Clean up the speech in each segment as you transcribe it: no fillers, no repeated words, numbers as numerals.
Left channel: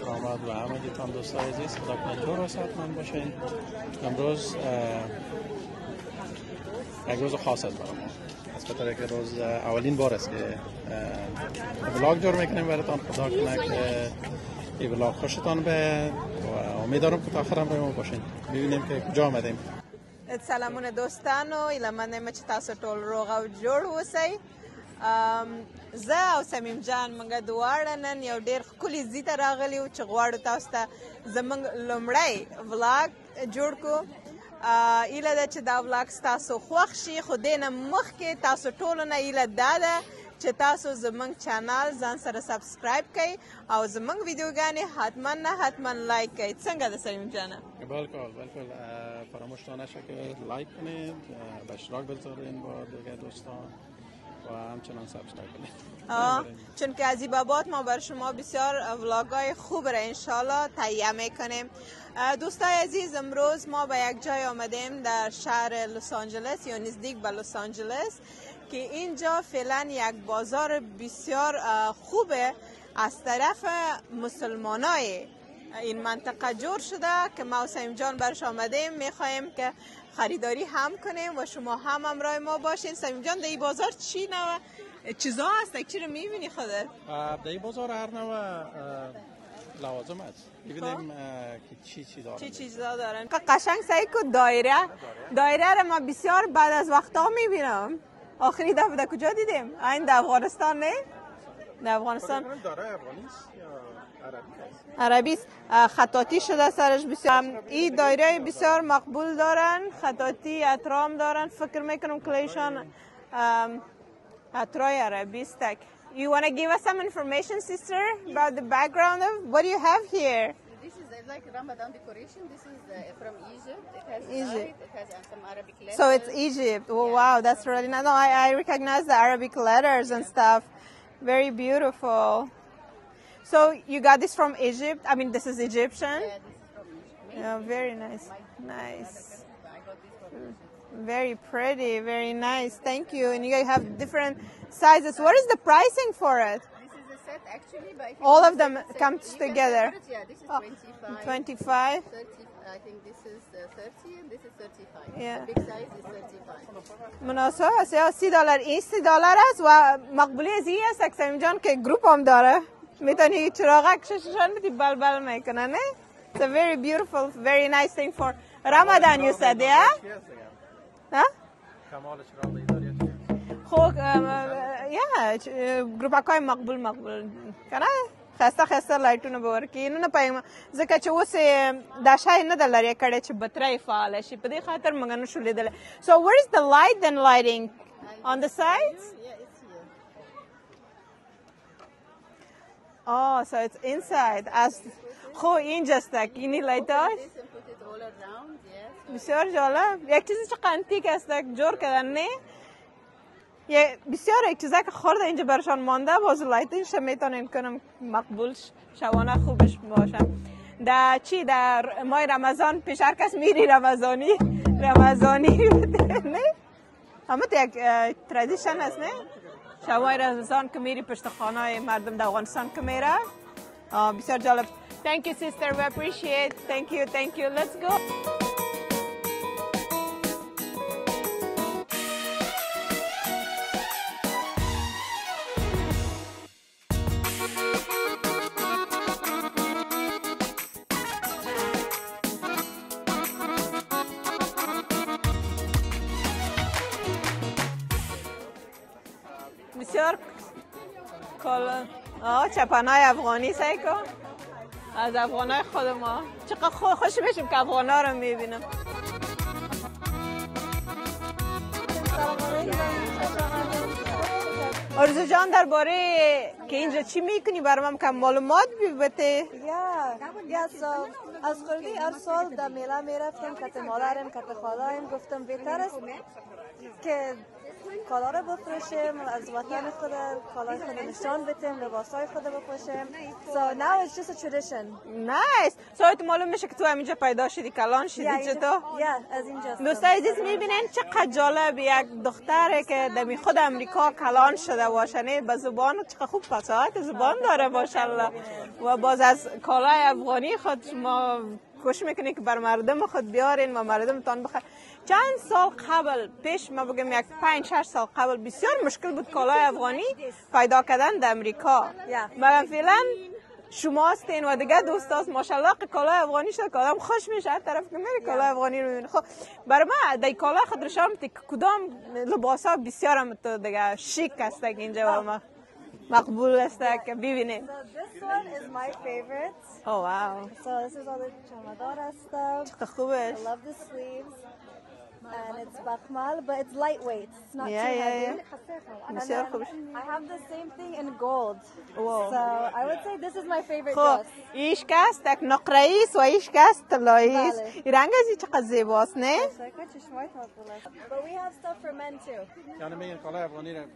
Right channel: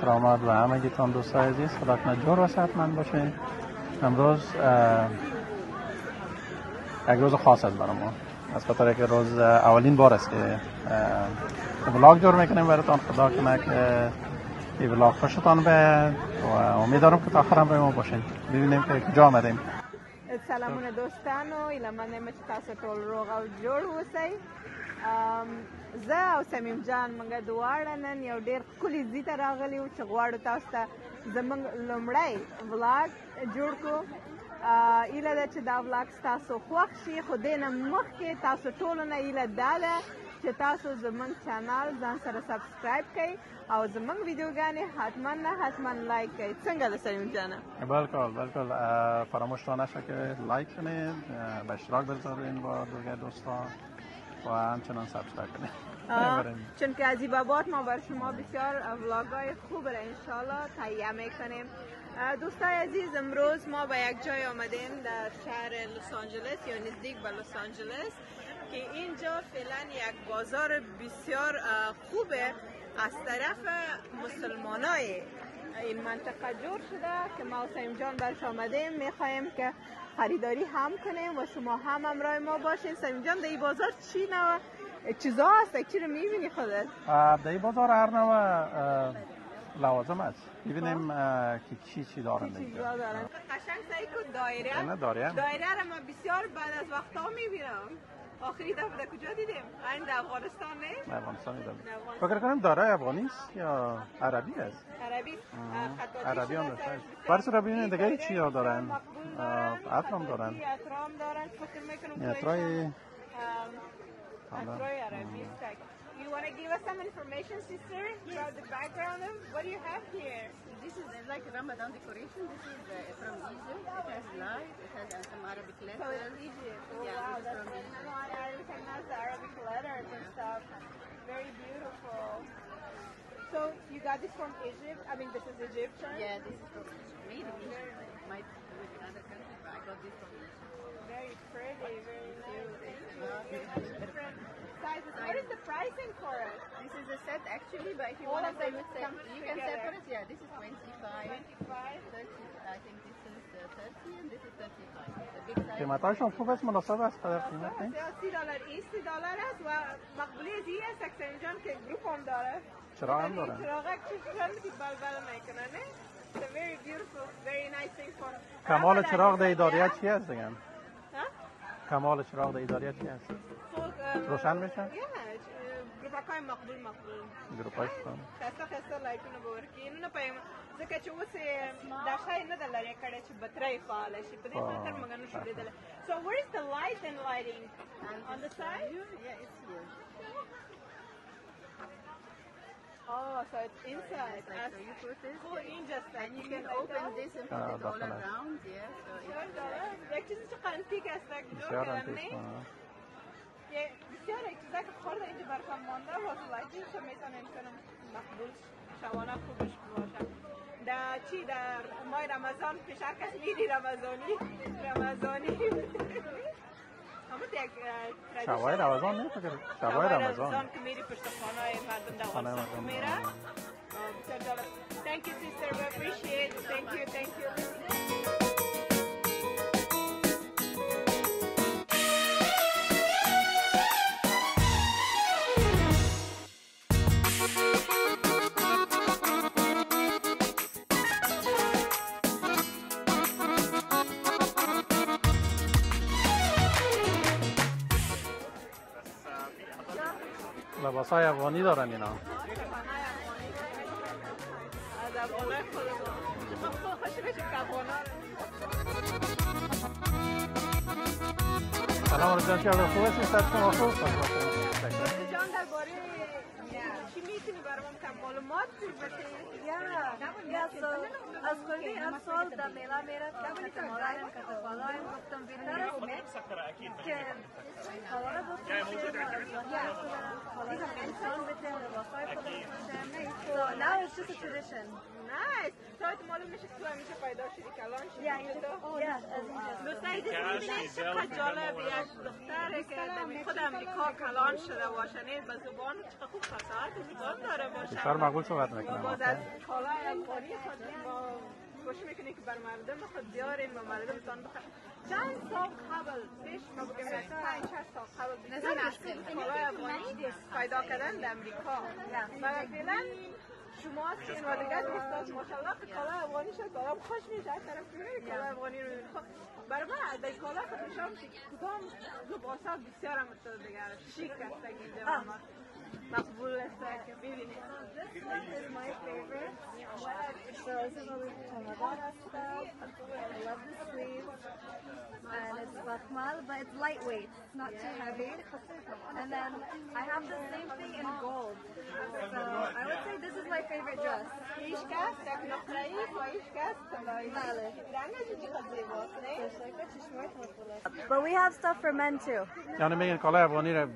کرامات و همگیتان دوستای عزیز، خدا کنه جور و صحتمند باشین. امروز یک روز خاص است برای ما، از خاطر که روز اولین بار است که ولاگ جور میکنیم براتون. خدا کنه که این ولاگ خوشتان بیاد و امیدوارم که تا آخر هم با ما باشین، ببینیم که کجا آمدیم. سلامونه دوستانو، ایلمنه چې تاسو ټول روغ او جوړ اوسئ. زه او سمیم جان موږ دواړه نن یو ډېر ښکلي ځای ته راغلي یو چې غواړو تاسو ته زموږ لومړی ولاګ جوړ کړو. ایله ده چې دا ولاګ ستاسو خوښ شي، خو دې نه مخکې تاسو ټولو نه ایله دا ده چې تاسو زموږ چینل ځان سره سبسکرایب کړئ او زموږ ویډیوګانې حتما لایک کړئ. څنګه ده سلیم جانه؟ بالکل فراموش نشه که لایک کنید، به اشتراک بذارین با دیگر دوستان و همچنان سابسکرایب کنید. چون که از این بابات ما بر شما بسیار ولاگای خوب را انشالله تهیه میکنیم. دوستای عزیز، امروز ما به یک جای آمدیم در شهر لس آنجلس یا نزدیک به لس آنجلس که اینجا فعلا یک بازار بسیار خوبه از طرف مسلمانای این منطقه جور شده که ما و سیم جان برش آمدیم. میخوایم که خریداری هم کنیم و شما هم همراه ما باشین. سیم جان، در این بازار چی نوع چیزا هست؟ چی رو میبینی خودت؟ در این بازار هر نوع لوازم است. ببینیم که چی دارن. چی چیزا دارن؟ قشنگ سعی کن دایره رو ما بسیار بعد از وقتا میبینم. آخری دفعه در کجا دیدیم؟ این در افغانستان نه؟ در افغانستان. داره افغانی است یا عربی است؟ عربی است. خطاطی شده سرش بسیار. این دایره بسیار مقبول دارن. خطاطی اطرام دارن. فکر میکنم کلیشان اطرای عربی است. You want to give us some information, sister, about the background of what do you have here? This is like Ramadan decoration. This is from Egypt. Egypt. It has some Arabic letters. So it's Egypt. Oh, wow, that's really nice. No, I recognize the Arabic letters and stuff. Very beautiful. So you got this from Egypt? I mean, this is Egyptian? Yeah, this is from Egypt. Yeah, very nice. Nice. Very pretty, very nice. Thank you. And you have different sizes. What is the pricing for it? This is a set actually, but if you All want of them set, come you can together. separate. Yeah, this is 25. 30, I think this is 30 and this is 35. Yeah. Big size. قیمتاشون خوب است، مناسب است. مناسب است. یا $30 این $30 است و مقبولی از این است که سمیم جان که گروپ هم داره. میتونی چراغک شششان بدی بل میکنه نه؟ It's a very beautiful, very nice thing for Ramadan you said, yeah? ها؟ کمال چراغ ایدالیا چی است؟ خب گروپک های مقبول کنه خسته لایټونه به ورکړي نو نه پایم ځکه چې اوس دا شای نه د لرې کړی چې بطرۍ فعاله شي په دې خاطر موږ نه شو لیدلی. So where is the light then lighting? On the sides? Yeah, it's here. Oh, so it's inside. خب اینجاست اینی لایت هاش This and put it all around, yes. بسیار جالب. یک چیزی چه قنتیک است جور کردن نه؟ یه بسیار یک چیزی که خورده اینجا برشان مانده بازو لایتینش میتونین کنم مقبول شوانه خوبش باشم. در چی در ماه رمضان پیش هر کس میری رمضانی نه؟ همه یک ترادیشن است نه؟ شوای رمضان که میری پشت خانه های مردم در افغانستان که میره. بسیار جالب. Thank you sister, we appreciate. Thank you. Let's go. بسیار لباسای افغانی دارن اینا. چپنای افغانی سعی کن از افغانای خود ما. چقدر خوش بشیم که افغانا رو میبینم. آرزو جان درباره که اینجا چی میکنی برای من کم معلومات بده؟ از خورده هر سال در میله میرفتیم کت مادرم کت خالاییم گفتم بهتر است که کالا رو بفروشیم از وطن خود کالای خود نشان بدیم لباسای خود بپوشیم. So now it's just a tradition. Nice. So تو معلوم میشه که تو همینجا پیدا شدی کلان شدی چطور؟ از اینجا. دوستای عزیز میبینین چقدر جالب یک دختره که در خود امریکا کلان شده باشه نه به زبان چقدر خوب فصاحت زبان داره ماشاءالله و باز از کالای افغانی خود شما کوشش میکنید که بر مردم خود بیارین و مردمتان بخیر. چند سال قبل پیش ما بگم یک 5-6 سال قبل بسیار مشکل بود کالای افغانی پیدا کردن در امریکا. مگر فعلا شما هستین و دیگه دوستاست ماشاءالله کالای افغانی شد که آدم خوش میشه هر طرف که میری کالای افغانی رو میبینی. خب برای ما در کالای خود رشام کدام لباس ها بسیار هم تو دیگه شیک است که اینجا و ما مقبول است که ببینید. This one is my favorite. Oh wow. So this is all the chamador stuff. چقدر خوبه. I love the sleeves. And it's bakhmal, but it's lightweight. It's not too heavy. And بسیار then خوبه. I have the same thing in gold. Wow. So I would say this is my favorite خب dress. ایش کست یک نقره است و ایش کست طلایی است. بله. این رنگ از چقدر زیباست نه؟ But we have stuff for men too. یعنی میگن کالای افغانی را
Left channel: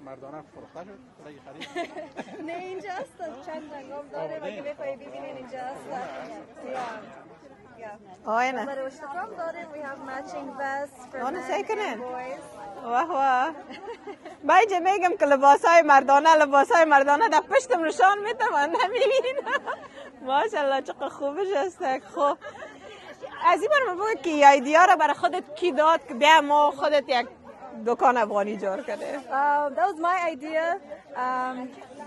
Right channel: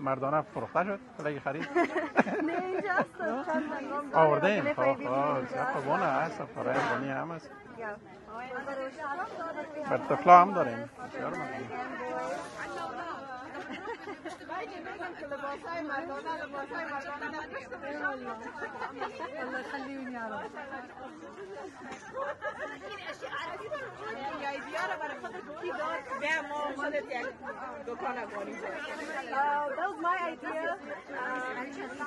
مردانه فروخته شد کلاهی خرید نه اینجا هست. آورده خوبونه هست کالای افغانی هم هست آه نه بر طفلا هم دارن آنه سعی کنن واه واه باید میگم که لباسای مردانه در پشتم نشان میتم و نمیبین ماشاءالله چقدر خوبش است. خب از این بار بگو که ایدیا را برای خودت کی داد که بیا ما خودت یک دکان افغانی جور کرده. That was my idea.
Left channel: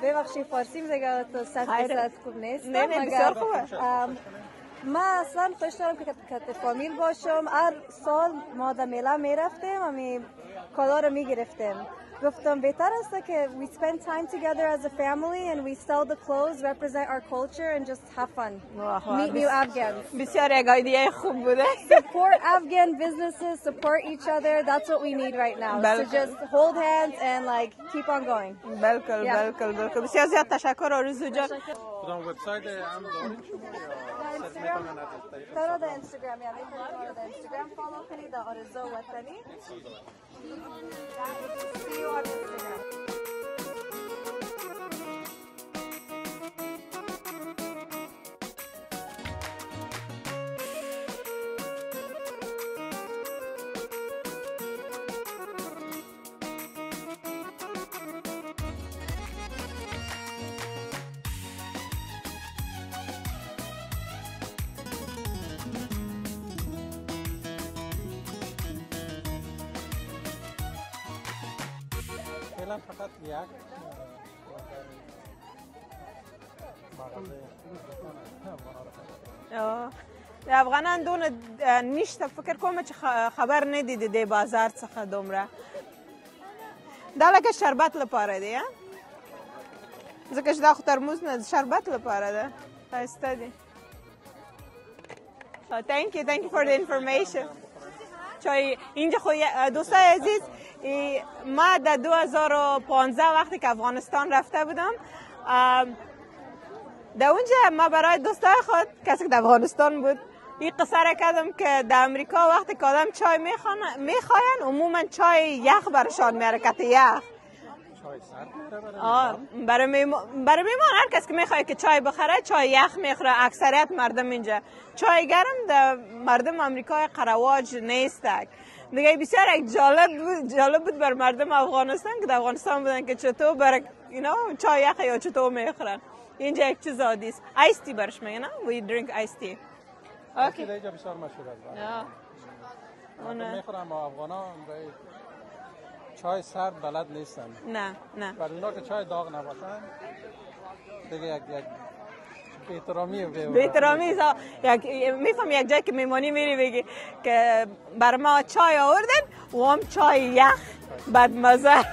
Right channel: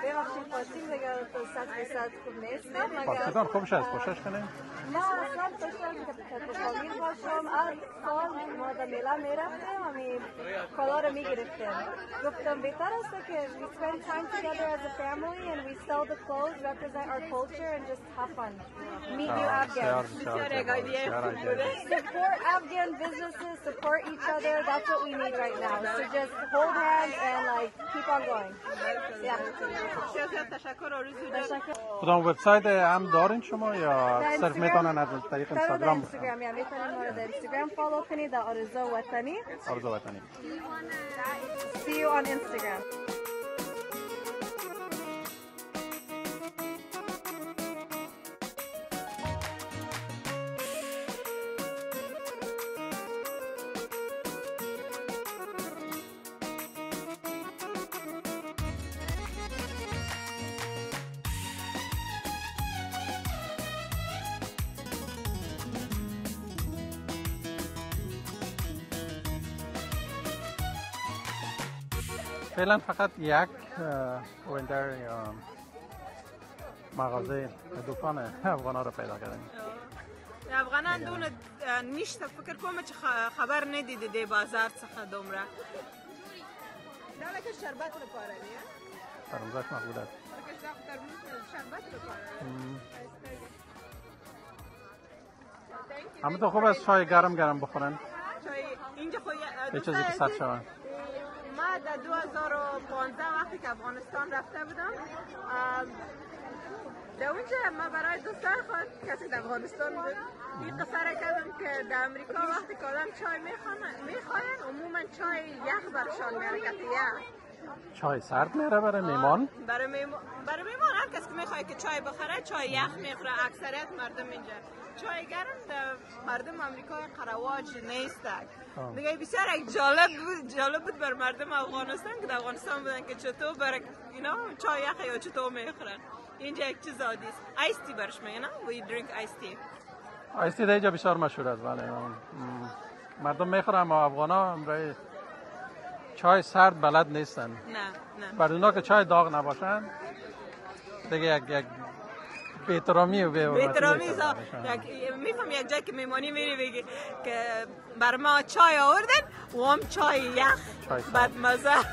ببخشید فارسی میگم تو صد خوب نیست. نه نه بسیار خوبه. خوبش هست کوشش کنیم من اصلا داشتم که تو فامیل باشم هر سال ما در میله میرفتیم و کالا رو میگرفتیم. گفتم بهتر است که we spend time together as a family and we sell the clothes, represent our culture and just have fun. Meet new Afghans. بسیار یک ایده خوب بوده. Support Afghan businesses, support each other. That's what we need right now. So just hold hands and like keep on going. بالکل بسیار زیاد تشکر آرزو جان. کدام وبسایت هم دارین شما یا صرف میتونن از طریق اینستاگرام اینستاگرام یا میتونن ما رو در اینستاگرام فالو کنید در آرزو وطنی. آرزو وطنی. See you on Instagram. فعلا فقط یک وینتر مغازه دکان افغانا رو پیدا کردیم. افغانان دون نیشت فکر کنم چه خبر ندیده دی بازار څخه دومره. دا لکه شربت لپاره دی ترموزش مقبول است. ځکه چې دا خو ترموز نه شربت لپاره ده. ښایسته دی. Thank you for the information. گرم بخورن. چای اینجا خو دوستای عزیز ما در 2015 وقتی که افغانستان رفته بودم در اونجا ما برای دوستای خود کسی که در افغانستان بود این قصه را کردم که در امریکا وقتی که آدم چای میخواین عموما چای یخ برشان میاره کت یخ چای سرد میاره برای میمان؟ برای میمان هر کس که میخواد که چای بخره چای یخ میخوره. اکثریت مردم اینجا چای گرم در مردم امریکای قرواج نیست. دیگه بسیار جالب بود بر مردم افغانستان که در افغانستان بودن که چطور برای اینا چای یخ یا چطور میخورن. اینجا یک چیز عادی است. آیس تی برش میگن we drink ice tea. آیس تی اینجا بسیار مشهور است. مردم میخورن اما افغانا چای سرد بلد نیستن. نه برای اونا که چای داغ نباشن دیگه یک بی‌احترامی میفهم یک جایی که میمانی میری بگی که بر ما چای آوردن و هم چای یخ بدمزه.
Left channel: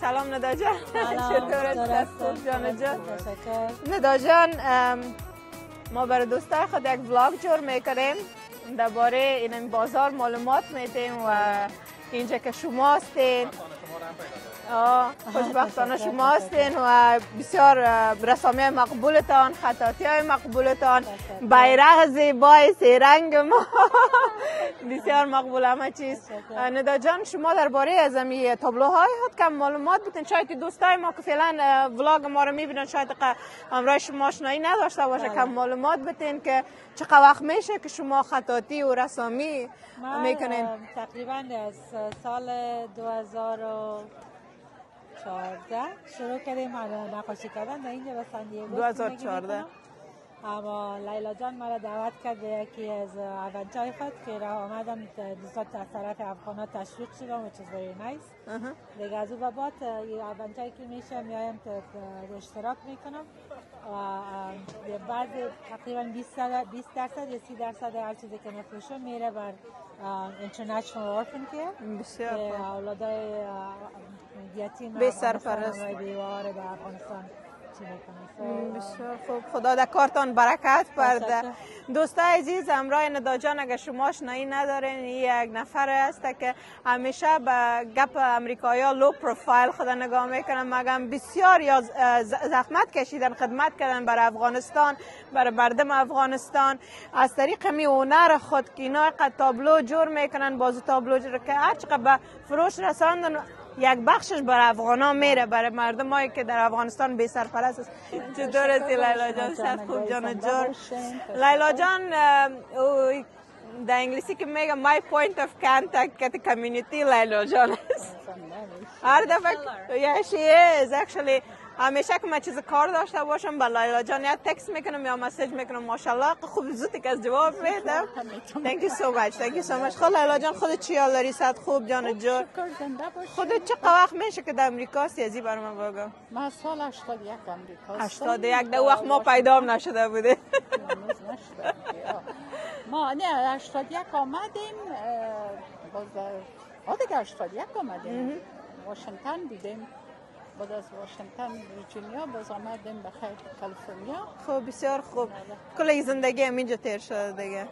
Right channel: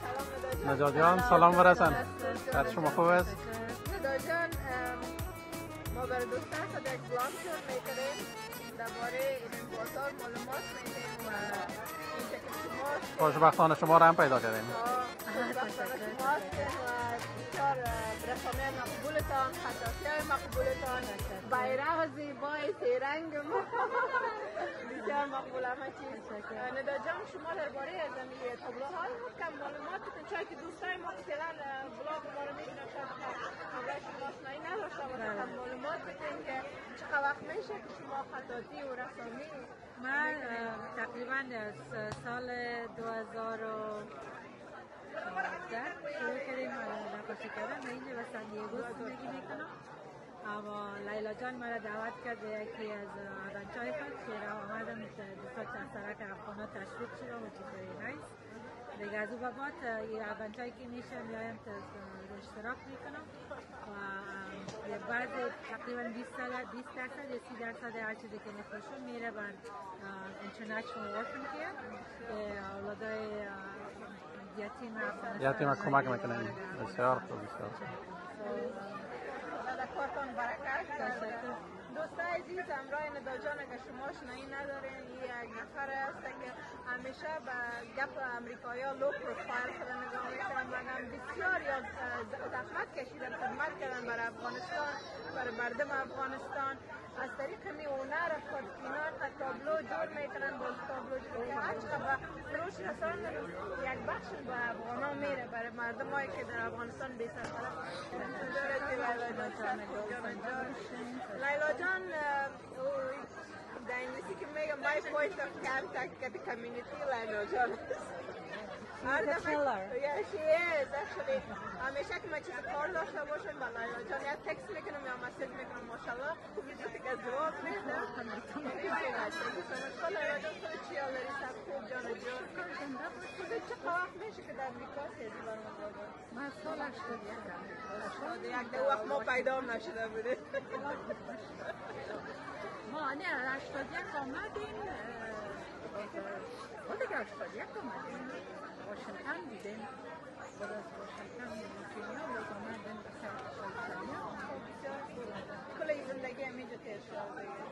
سلام ندا جان. سلام برسان. ندا جان ما برای دوستای خود یک ولاگ جور میکنیم درباره این بازار معلومات میدیم و اینجا که شما هستین خوشبختانه شما را هم پیدا کردیم. خوشبختانه شما هستین و بسیار رسامی مقبولتان، خطاطی های مقبولتان، بیرق زیبای سه رنگ ما بسیار مقبول همه چیز. ندا جان شما درباره از این تابلوهای خود کم معلومات بتین، شاید دوستای ما که فعلا ولاگ ما رو میبینن شاید همراه شما آشنایی نداشته باشه، کم معلومات بتین که چقدر وقت میشه که شما خطاطی و رسامی میکنین؟ تقریبا از سال 2014 شروع کردیم نقاشی کردن و اینجا به سن دیگو 2014. اما لیلا جان مرا دعوت کرد به یکی از ایونت‌های خود که را آمدم دوستان اکثرت افغان‌ها تشویق شدم و چیز very nice. دیگه از او به بعد این ایونت‌هایی که میشه میایم اشتراک میکنم و بعض تقریبا 20% یا 30% هر چیزی که میفروشم میره بر اینترنشنال اورفن کیر بسیار اولادای یتیم به سرپرست کمک میکنن. بسیار خوب. خدا در کارتان برکت برده. دوستای عزیز همراه ندا جان اگر شما آشنایی ندارین یک نفر است که همیشه به گپ امریکایی‌ها لو پروفایل خدا نگاه میکنن، مگم بسیار یا زحمت کشیدن خدمت کردن برای افغانستان، برای مردم افغانستان از طریق می هنر خود که اینا تابلو جور میکنن، بازو تابلو جور که هر چقدر به فروش رساندن یک بخشش برای افغانا میره، برای مردمایی که در افغانستان بی سرپرست است. چطور هستی لیلا جان؟ صد خوب جان جور. لیلا جان در انگلیسی که میگه my point of contact که کمیونیتی لیلا جان است. هر دفعه yeah she is actually همیشه که من چیز کار داشته باشم با لیلا جان یا تکست میکنم یا مسیج میکنم ماشاءالله خوب زودی که از جواب میده. thank you so much. خود لیلا جان خودت چی حال داری؟ صد خوب جان جور. خودت چه وقت میشه که در امریکا هستی؟ ازی برام بگو. ما سال 81 امریکا 81 در وقت ما پیدا هم نشده بوده. ما نه 81 آمدیم دیگه 81 آمدیم واشنگتن بودیم، بعد از واشنگتن ویرجینیا باز آمدیم به کالیفرنیا. خب بسیار خوب. کل زندگی همینجا تیر شده دیگه؟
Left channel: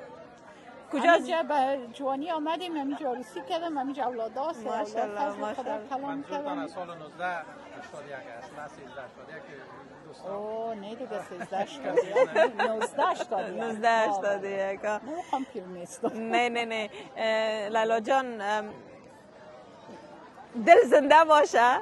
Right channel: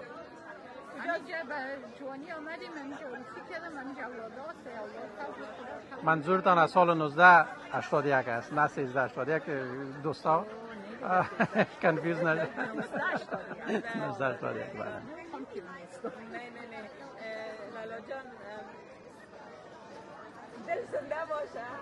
کجا؟ همینجا به جوانی آمدیم، همینجا عروسی کردم، همینجا اولاد هست. منظورتان از سال 1981 است نه 1381 دوستا؟ کنفیوز نشید. 1981 نه لیلا جان دل زنده باشه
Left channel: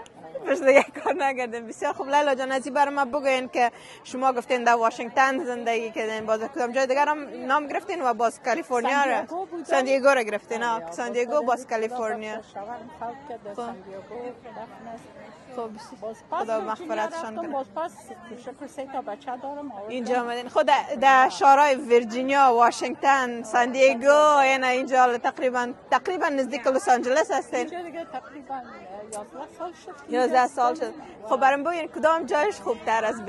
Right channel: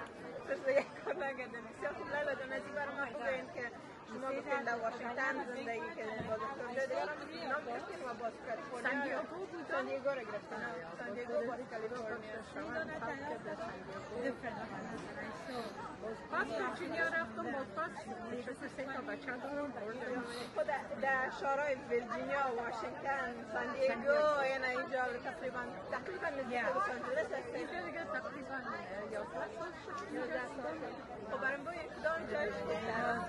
بس دیگه کار نگردیم. بسیار خوب لیلا جان ازی برای ما بگوین که شما گفتین در واشنگتن زندگی کردین، باز کدام جای دیگر هم نام گرفتین و باز کالیفرنیا را سان دیگو را گرفتین؟ سان دیگو باز کالیفرنیا. خب خدا مغفرتشان کنه. اینجا آمدین خود در شهرهای ویرجینیا، واشنگتن، سان دیگو، یعنی اینجا تقریبا نزدیک لس آنجلس هستین؟ تقریبا 11 سال شد. خب برام بگین کدام جایش خوبتر از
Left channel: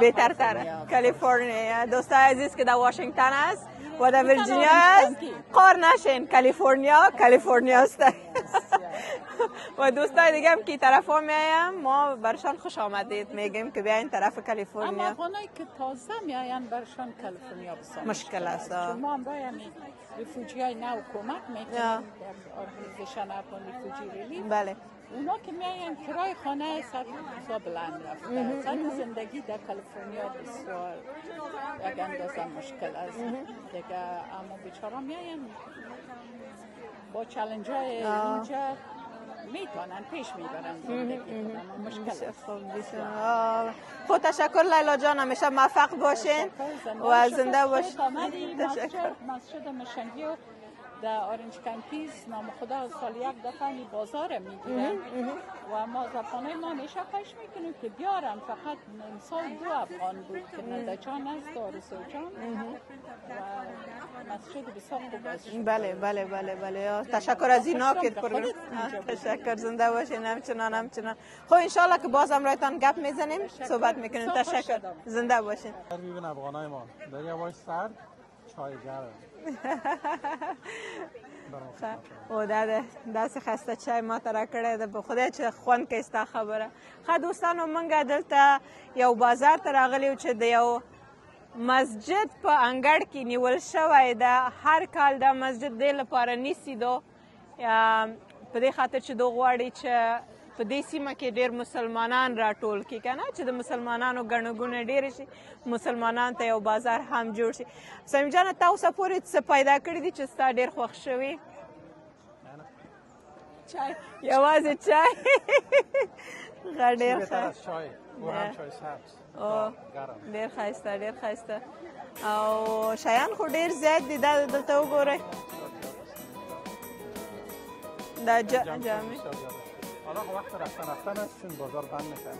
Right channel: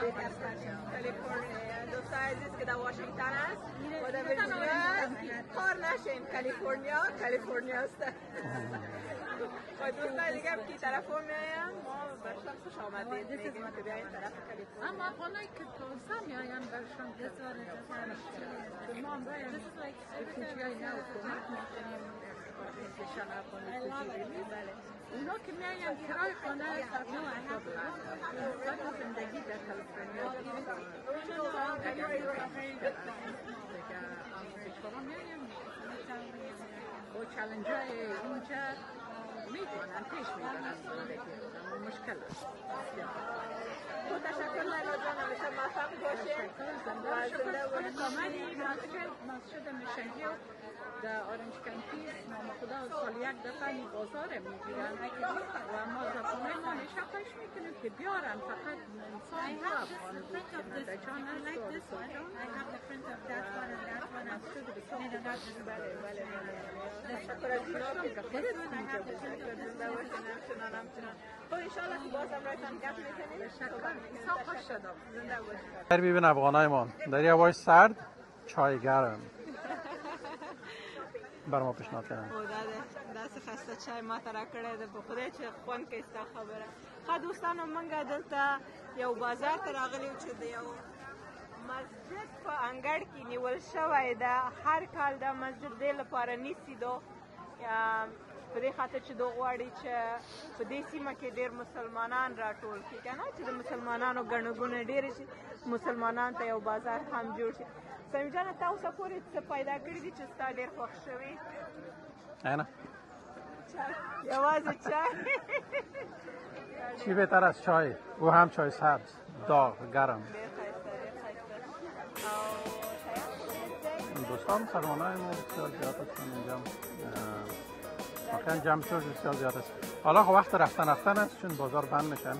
بهترتره؟ کالیفرنیا. دوستای عزیز که در واشنگتن است و در ویرجینیا است قار نشین، کالیفرنیا است. و دوستای دیگه هم که طرف ها میایم ما برشان خوش آمدید میگیم که بیاین طرف کالیفرنیا. اما افغانایی که تازه میاین برشان کالیفرنیا بسازن مشکل است. شما هم باید ریفوجی های نو کمک میکنید ارگانیزیشن افغان ریفوجی ریلیف. بله اونا که میاین کرای خانه سطح بسیار بلند است. زن زندگی در کالیفرنیا بسیار یک اندازه مشکل است دیگه، اما بیچارا میاین با چالش های اینجا میتونن پیش میبرن مشکل است. خود تشکر لیلا جان، همیشه موفق باشین و زنده باشین. تشکر. مسجد مشنگی در اورنج کانتیز نام خدا سال یک دفعه بازار میگیرن و ما زبانه ما همیشه خواهش میکنیم که بیارن. فقط سال 2 افغان بود که ننده جان است و رسول جان و مسجد بسیار خوب است. بله تشکر از اینا که پروگرام. تشکر، زنده باشین. همچنان خب انشالله که باز هم رایتان گپ میزنیم صحبت میکنیم. تشکر، زنده باشین. ببین افغانای ما در یه هوای سرد چای گرم بر ما پیشنهاد کردن او دا داسې خسته چای ما ته راکړی ده په خدای چې خوند کوي ستا خبره. ښه دوستانو موږ دلته یو بازار ته راغلي یو چې د یو مسجد په انګړ کې نیول شوی ده. هر کال دا مسجد دې لپاره نیسي دو په دې خاطر چې دو غواړي چې په دې سیمه کې ډېر مسلمانان راټول کړي که نه چې د مسلمانانو ګڼه ګوڼه ډېرې شي مسلمانانو ته یو بازار هم جوړ شي. سمیم جانه تا اوسه پورې څه پیدا کړي دي چې ستا ډېر خوښ شوي؟ نه چای یوازې چای چی بهتر از چای و هم چای سبز داغ گرم ډېر ښایسته ډېر ښایسته او شیان خو ډېر زیات دي دا دلته وګورئ دا جمع شد بسیار زیاد است. حالا وقت رفتن است چون بازار بند میشن.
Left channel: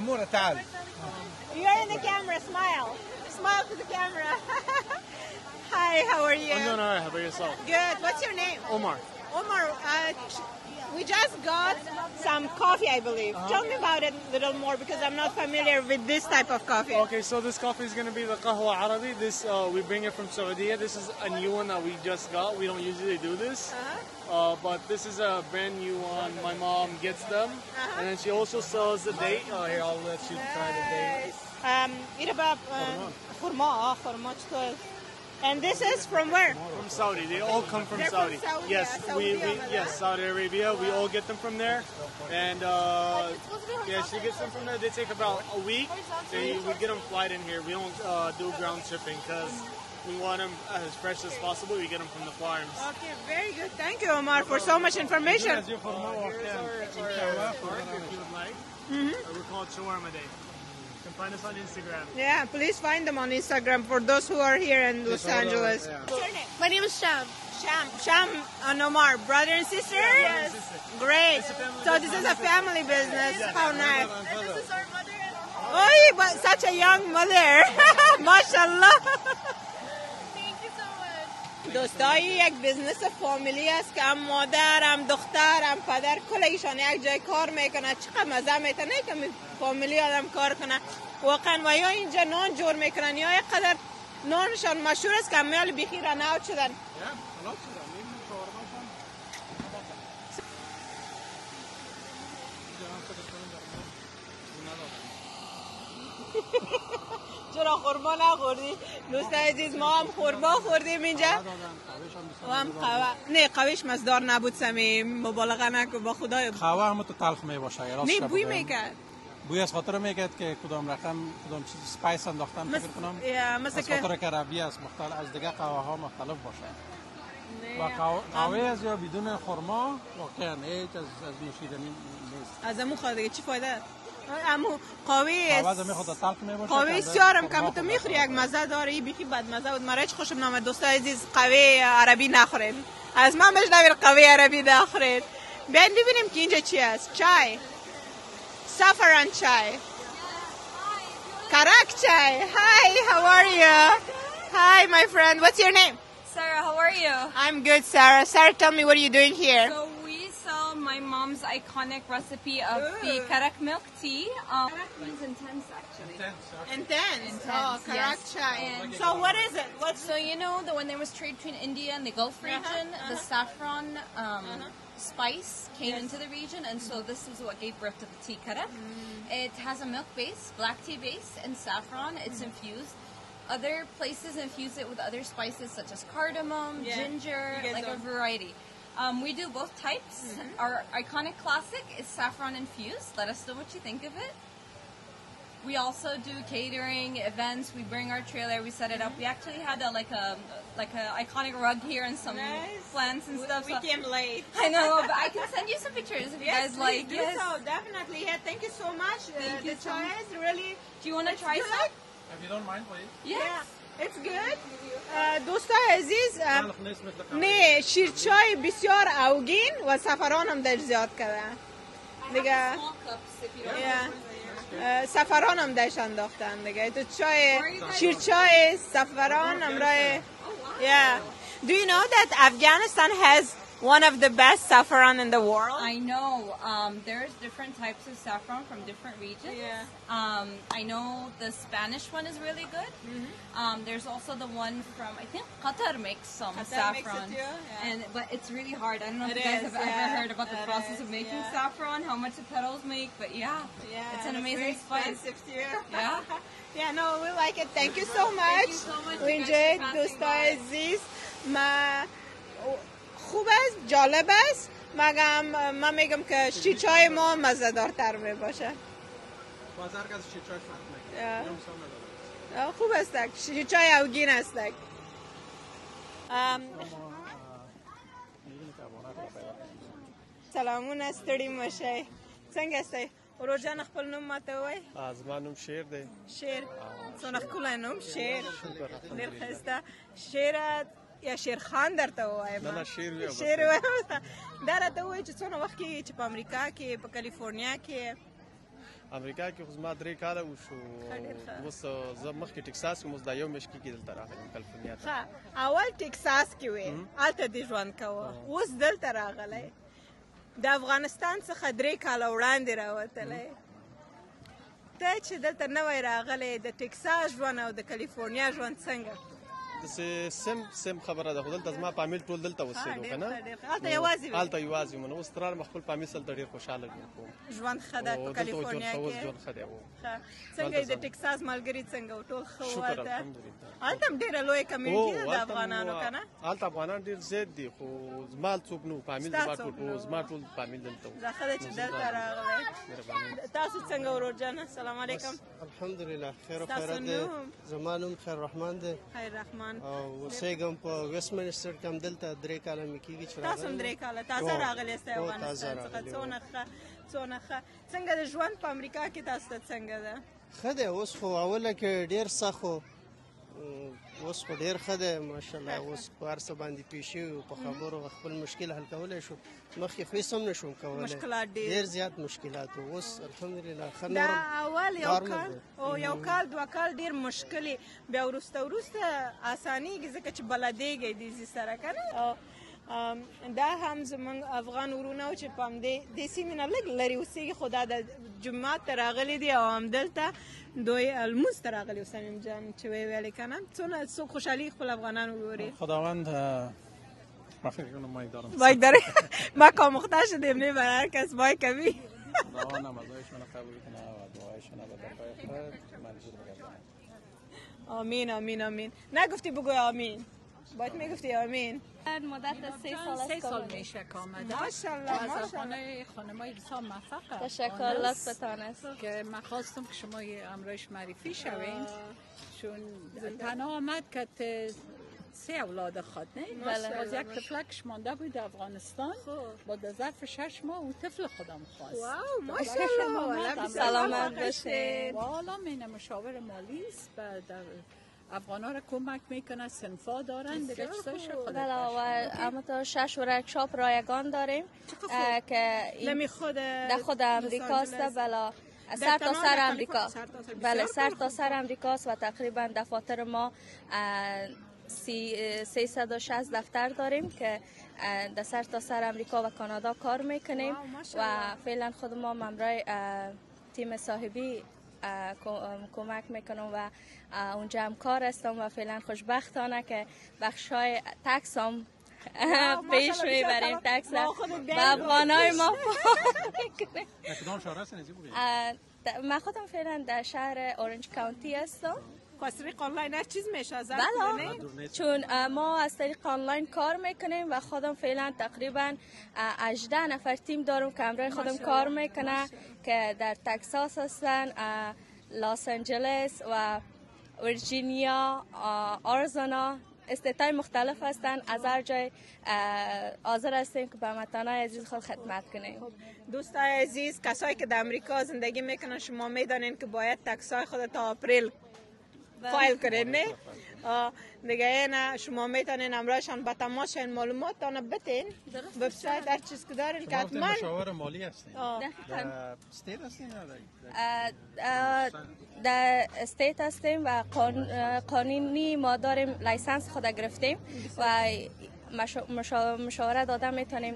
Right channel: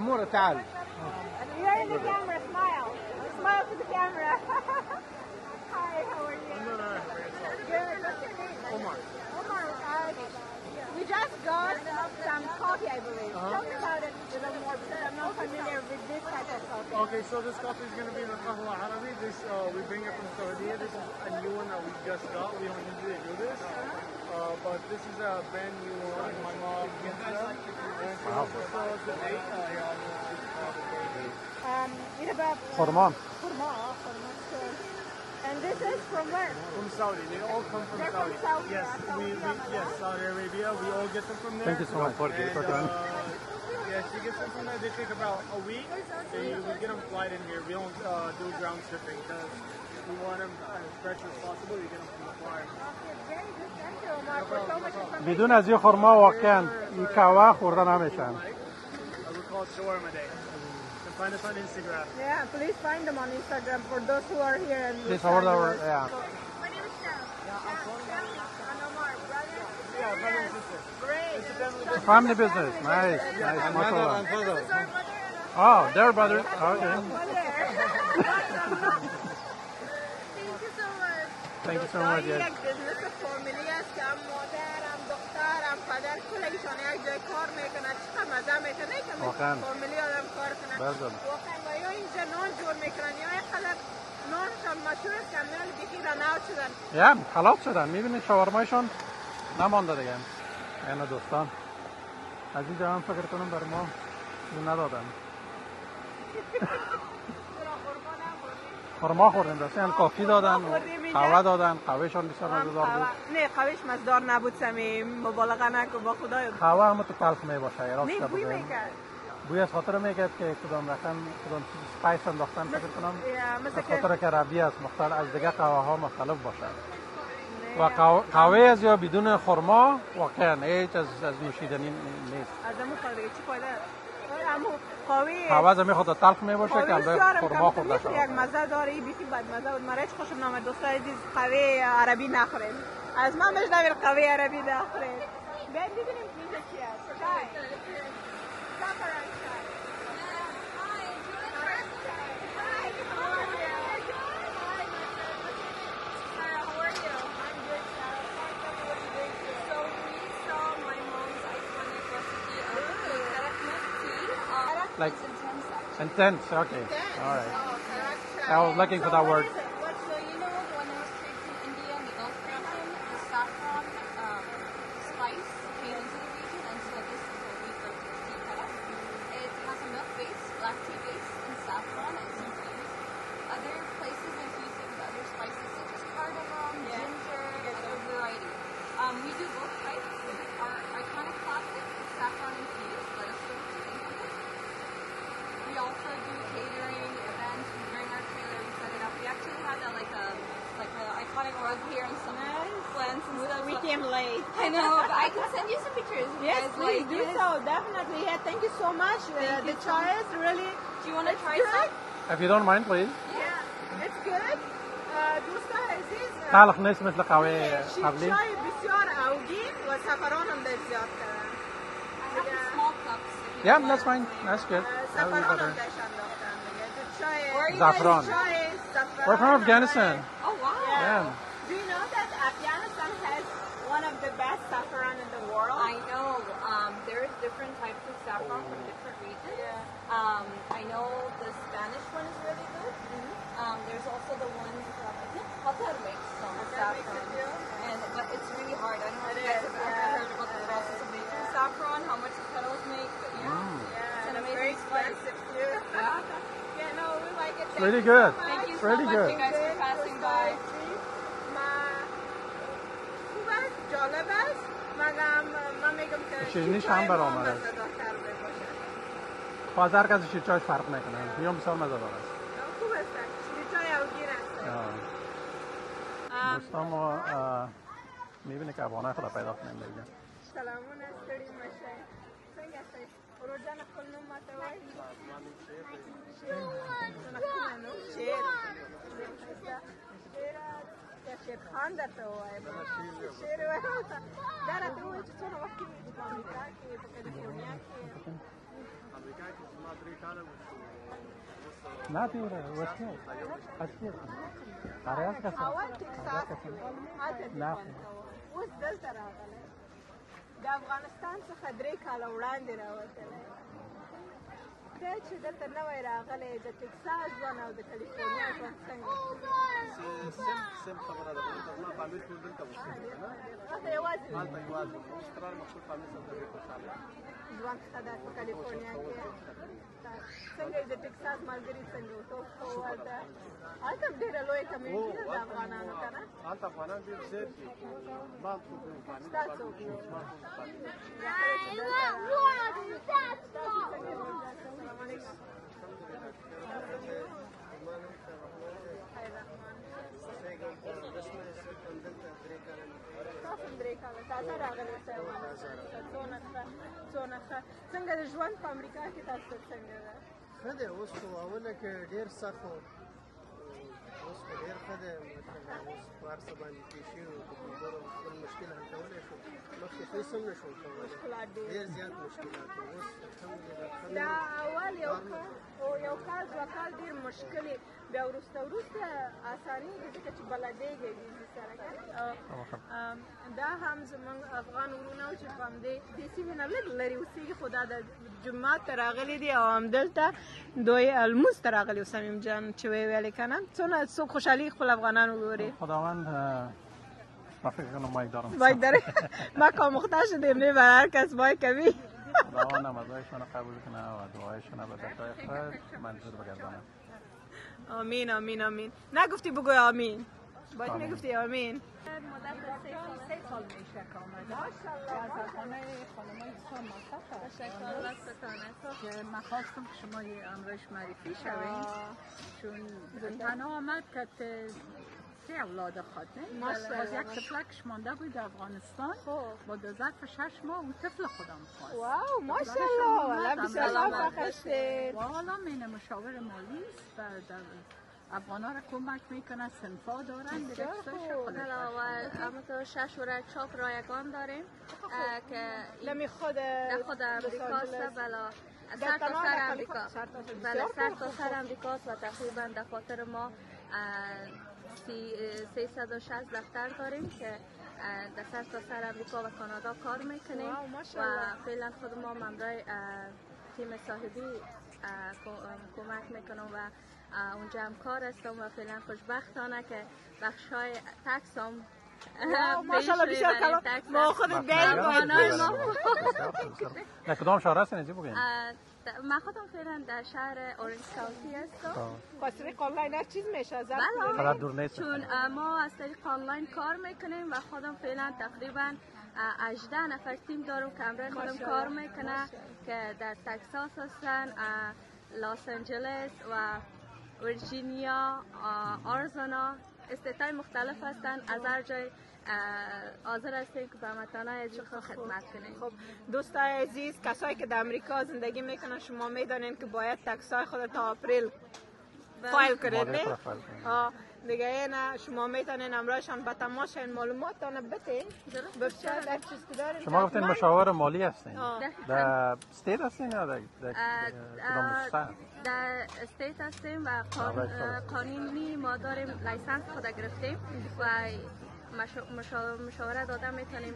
Amora, تعال. You're in the camera, smile. Smile to the camera. Hi, how are you? I'm doing all right. How about yourself? Good. What's your name? Omar. Omar, we just got some coffee, I believe. Tell me about it a little more because I'm not familiar with this type of coffee. Okay, so this coffee is going to be the Qahwa Arabi. This we bring it from Saudi. This is a new one that we just got. We don't usually do this. But this is a brand new one. My mom gets them. And then she also sells the date. Here, I'll let you try the date. خرما. Khurma. And this is from where? From Saudi. They all come from They're Saudi. from Saudi, Yes, yes, Saudi Arabia. We all get them from there. Thank you so much. And yeah, she gets them from there. They take about a week. So we get them flight in here. We don't do ground shipping because we want them as fresh as possible. We get them from the farms. Okay, very good. Thank you, Omar, for so much information. بدون از این خرما واقعا این قهوه خورده نمیشن. We call it shawarma day. You can find us on Instagram. Yeah, please find them on Instagram for those who are here in Los Angeles. Yeah. My name is Sham. Sham and Omar, brother and sister? Yes. Great. So this Family is a family business. business. Nice. Oh, nice. This is our mother. Oh, Oh, their you got brother. such a Okay. young mother. MashaAllah. Thank you so much. Thank you so دوستایی much. یک بزنس فامیلی است که هم مادر هم دختر هم پدر کل ایشان یک جای کار میکنه. چقدر مزه میتونه که واقعاً. فامیلی آدم کار کنه. بله. واقعا و یا اینجا نان جور میکنن یا اینقدر نانشان مشهور است که میال بیخی رناوت شدن. یا خلاص شدن میبینید شاورمایشان نمانده دیگه. اینو دوستان از اینجا هم فکر کنم بر ما چیزی ندادن. چرا خورما نخوردی؟ خرما دوست خوردیم، عزیز، مثلا ما کافی خورما دادن، خوردیم اینجا. قهوه دادن، قهوهشان بسیار هم مزهدار بود. نه قویش مزدار نبود سمیم مبالغه نکن با خدای قهوه هم تو تلخ می باشه. نه بوی میکرد بوی از خاطر میکرد که کدام رقم کدام چیز اسپایس انداختن فکر کنم مثل از که خاطر که ربی است مختلف از دیگه قهوه ها مختلف باشه و قهوه از یا بدون خرما واقعا هیچ از نوشیدنی نیست. از همون خواهد دیگه چی فایده؟ همون قهوه از می خود تلخ می باشه که قهوه البته سیارم خرما که خود میخوری یک مزه داره این بیخی بد مزه بود. مرا هیچ خوشم نامد دوست عزیز قهوه عربی نخورین. از من بشنوید قهوه عربی نخورین. بیاین ببینیم که اینجا چی است. چای saffron chai karak chai. Hi, how are you? Hi, my friend, what's your name? Sarah, how are you? I'm good, Sarah. Sarah, tell me, what are you doing here? So we sell my mom's iconic recipe of the karak milk tea. Like It's intense, actually. intense, okay. Intense. All right. Oh, karak chai. I was looking for so that what word. is it? What's So you know that when there was trade between India and the Gulf region, the saffron spice came into the region, and so this is what gave birth to tea karak. It has a milk base, black tea base, and saffron. It's infused. Other places infuse it with other spices such as cardamom, ginger, like a variety. We do both types. Our iconic classic is saffron infused. Let us know what you think of it. We also do catering, events. We bring our trailer, we set it up. We actually had a iconic rug here and some plants and stuff. We came late. I know, but I can send you some pictures. If you Yes, guys like please, this. so definitely. Yeah, thank you so much. The chai is really. Do you want to try good. some? If you don't mind please. Yeah, it's good. دوستای عزیز تلخ نیست مثل قهوه نه قبلی. شیرچای بسیار اوگین و زعفران هم در زیاد کرده دیگه. Yeah, that's fine. That's good. زعفران هم درش انداختن دیگه. تو چای زعفران. شیرچای We're زعفران from هم Afghanistan. داره. Yeah. Do you know that Afghanistan has one of the best saffron in the world? I know. There's different types of saffron from different regions. I know the Spanish one is really good. There's also the one from, I think Qatar makes some saffron. But it's really hard. I don't know if you guys have ever heard about the process of making saffron, how much the petals make, but it's an amazing spice. Yeah, no, we like it. Thank Really you good. so much. Really good. We enjoyed دوستای عزیز. خوب است، جالب است. من میگم که شیرچای ما مزه‌دارتر باشه. بازار کسی شیرچای فرق نکنه. میام بسیار مزه‌دار است. خوب است. شیرچای اوگین است. دوستان ما می‌بینید که افغانای خود پیدا کنیم دیگه. سلامون استری مشه. څنګه استای؟ ورجان خپل نوم ماته وای؟ زما نوم شیر دی. شیر. څونه خپل نوم شیر. ډېر ښایسته. شیر یا شیر خان درته وایم. نه شیر ویم. شیر وایم. دا راته وایي چې څونه وخت کې چې په امریکا کې په کالیفورنیا کې امریکا کې خو زما 3 کاله وشو. اوس زه مخکې ټکساس کې اوس دا یو میاشت کې دلته راغلی کالیفورنیا. اول ټکساس کې وې هلته دې ژوند کوه اوس دلته راغلی د افغانستان څخه 3 کاله وړاندې راوتلی ته چې دلته نوی راغلی د ټکساس ژوند او د کالیفورنیا ژوند څنګه سم خبره ده خو دلته زما فامیل ټول دلته اوسېدو که نه هلته یوازې وې هلته یوازې وم نو اوس ترار مې خپل فامیل سره ډېر خوشحاله کړو ژوند ښه ده په کالیفورنیا کې ژوند ښه دی څنګه د ټکساس ملګري څنګه و ټول ښه و هلته هلته هم ډېره لویه کمیونټي ده د افغانانو که نه هلته افغانان ډېر زیات دي خو زما څوک نه فامیل زما ټول فامیل دلته و کله چې دلته راغلی تاسو څنګه ورورجانه سلام علیکم الحمدلله خیر و خیرات دی زما نوم خیر رحمان دی خیر رحمان او اوسېږم په ویسټ منسټر کې هم دلته 3 کاله مې کېږي چې تاسو هم 3 کاله تازه راغلی یاست افغانستان څخه څونه ښه څنګه د ژوند په امریکا کې تاسو ته څنګه ده ښه دی اوس خو اوله کې ډېر سخت و اوس خو ډېر ښه دی ماشاءالله اوس په هر څه باندې پوه شوي په خبرو خپل مشکل حل کولی شو مخکې خو هېڅ هم نه شوم کولی ډېر زیات مشکلات و اوس الحمدلله ښه دا اول یو کال 2 کال ډېر مشکلې بیا وروسته اسانېږي ځکه چې بلدېږئ دې سره که نه دا هم زموږ افغان وروڼه و چې په همدې سیمې نه لږ لرې اوسېږي خو دا د جومات ته راغلي دي او همدلته دوی لمونځ ته راغلي و صمیم جان چې ویلې که نه څوک خوشحالي خپل افغانان وګوري خداوند من فکر کنم مایک دارم مایک داره ما کاموخته شدیم نه برای هر کس مایک کمی خداوند نمازهایشان قبول کنه و دعایشان به دکای خیر منظور بگردانه آمین آمین آمین نگفتی بگو آمین باید میگفتی آمین مدت 3 سال میشه که آمده ماشاءالله از خانه خانمای کسان موفق تشکر لطفتان است که من خواستم که شما امروز معرفی شوید چون تنها آمد که 3 اولاد خود باز یک طفلکش مانده بود در افغانستان با ظرف 6 ماه و طفل خودم خواست واو ماشاءالله سلامت باشید و حالا من مشاور مالی است در افغانا را کمک میکنه سنفا دارن دیگه و همینطور 6 ورکشاپ رایگان داریم که در خود امریکاست بلا سر تا سر امریکا بله سر تا سر امریکاست و تقریبا دفاتر ما 360 دفتر داریم که در سر تا سر امریکا و کانادا کار میکنیم و فعلا خود ما ممرای تیم صاحبی کمک میکنم و اونجا هم کار هستم و فعلا خوشبختانه که بخشای تکس هم پیش میبریم تکس ما خود افغانای ما در کدام شهر هستین اینجا بگیم من خودم فعلا در شهر اورنج کانتی هستم از طریق آنلاین هر چیز میشه بله چون ما از طریق آنلاین کار میکنیم و خودم فعلا تقریبا 18 نفر تیم دارم که همراه خودم کار میکنه که در تکساس هستن لس آنجلس و ویرجینیا، آریزونا، استیت‌های مختلف هستند. از هر جای حاضر هستیم که به هموطنان عزیز خود خدمت کنیم. خب دوستان عزیز، کسایی که در امریکا زندگی میکنن شما میدانین که باید تکسای خود تا اپریل فایل کنید، نه؟ دیگه اینا شما میتونین امرایشان به تماس شین، معلوماتتان بتین، وبسایت هر چیز که دارین. شما گفتین مشاور مالی هستین؟ در استیت هستین یا در استیت هستیم و قانونی ما داریم لیسنس خود گرفتیم و مشاوره داده میتونیم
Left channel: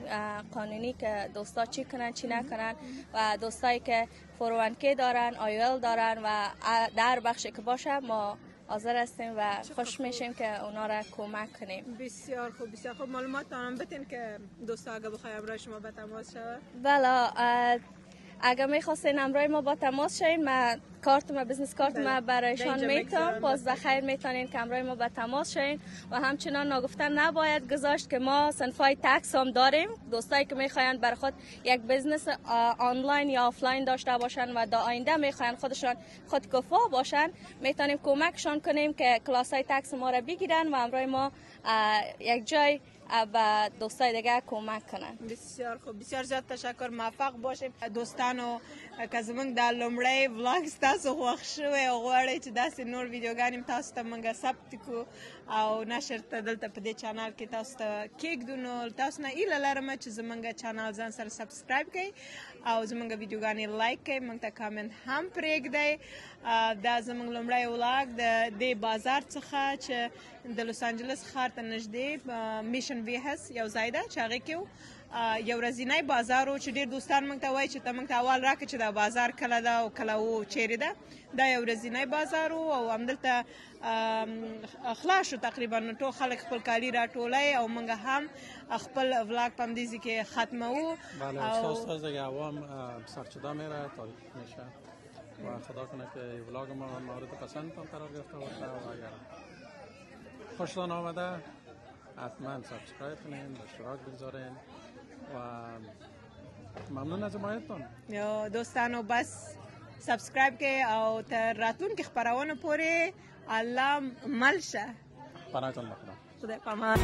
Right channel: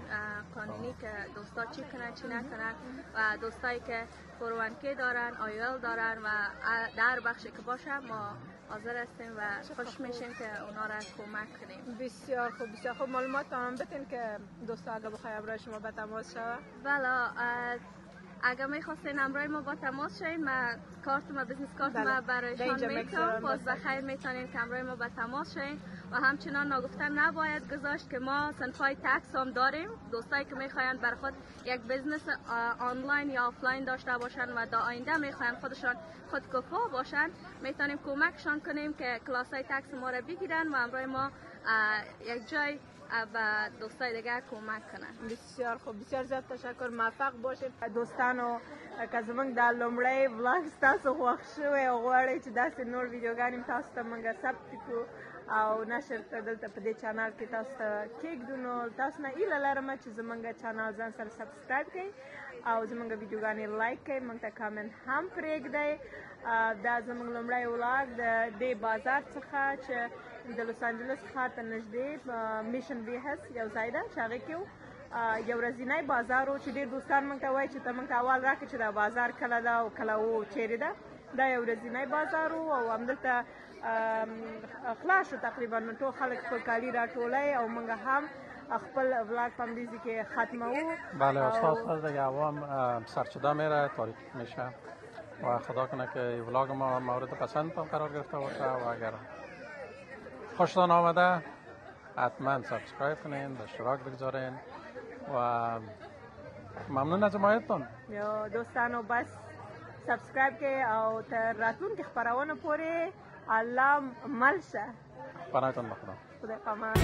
قانونی که دوستا چی کنن چی نکنن و دوستایی که 401k دارن، آیل دارن و در بخشی که باشه ما حاضر هستیم و خوش میشیم که اونا را کمک کنیم. بسیار خوب، بسیار خوب. معلومات هم بتین که دوستا اگه بخوای امرای شما به تماس شوه. بله، اگه میخواستین امرای ما با تماس شوین، من بزنس کارت ما برایشان میتونم. باز بخیر میتونین که امرای ما با تماس شوین و همچنان نگفتن نباید گذاشت که ما صنفای تکس هم داریم. دوستایی که میخواین برای خود یک بزنس آنلاین یا آفلاین داشته باشن و در آینده میخواین خودشان خودکفا باشن، میتونیم کمکشان کنیم که کلاسای تکس ما را بگیرن و امرای ما یک جای به دوستای دیگه کمک کنن. بسیار خوب، بسیار زیاد تشکر، موفق باشیم. دوستانو که زمونږ د لومړی ولاګ ستاسو خوښ شوی او غواړئ چې داسې نور ویډیوګانې تاسو ته موږ ثبت کړو او نشر ته دلته په دې چانل کې تاسو ته کېږدو، نو تاسو نه هیله لرم چې زمونږ چانل ځان سره سبسکرایب کړئ او زمونږ ویډیوګانې لایک کړئ، موږ ته کامنټ هم پرېږدئ. دا زمونږ لومړی ولاګ د دې بازار څخه چې د لوس انجلس ښار ته نږدې میشن ویهس یو ځای ده چې هغې کې یو ورځنی بازار و چې ډېر دوستان موږ ته وایي چې ته موږ ته اول راکړه چې دا بازار کله ده او کله و چیرې ده. دا یو ورځنی بازار و او همدلته خلاص شو تقریبا، نو ټول خلک خپل کالي راټولوي او موږ هم خپل ولاګ په همدې ځای کې ختموو. بله، اساس دیگه عوام سرچوده میره، تاریک میشه و خدا کنه که ولاگ ما مورد پسندتان قرار گرفته باشه و اگر خوشتان آمده حتما سابسکرایب کنین، اشتراک بگذارین و ممنون از حمایتتان. دوستانو بس سبسکرایب کې او تر راتلونکي خپرونو پورې الله مل شه. پناهتان بخدا. خدای پامان.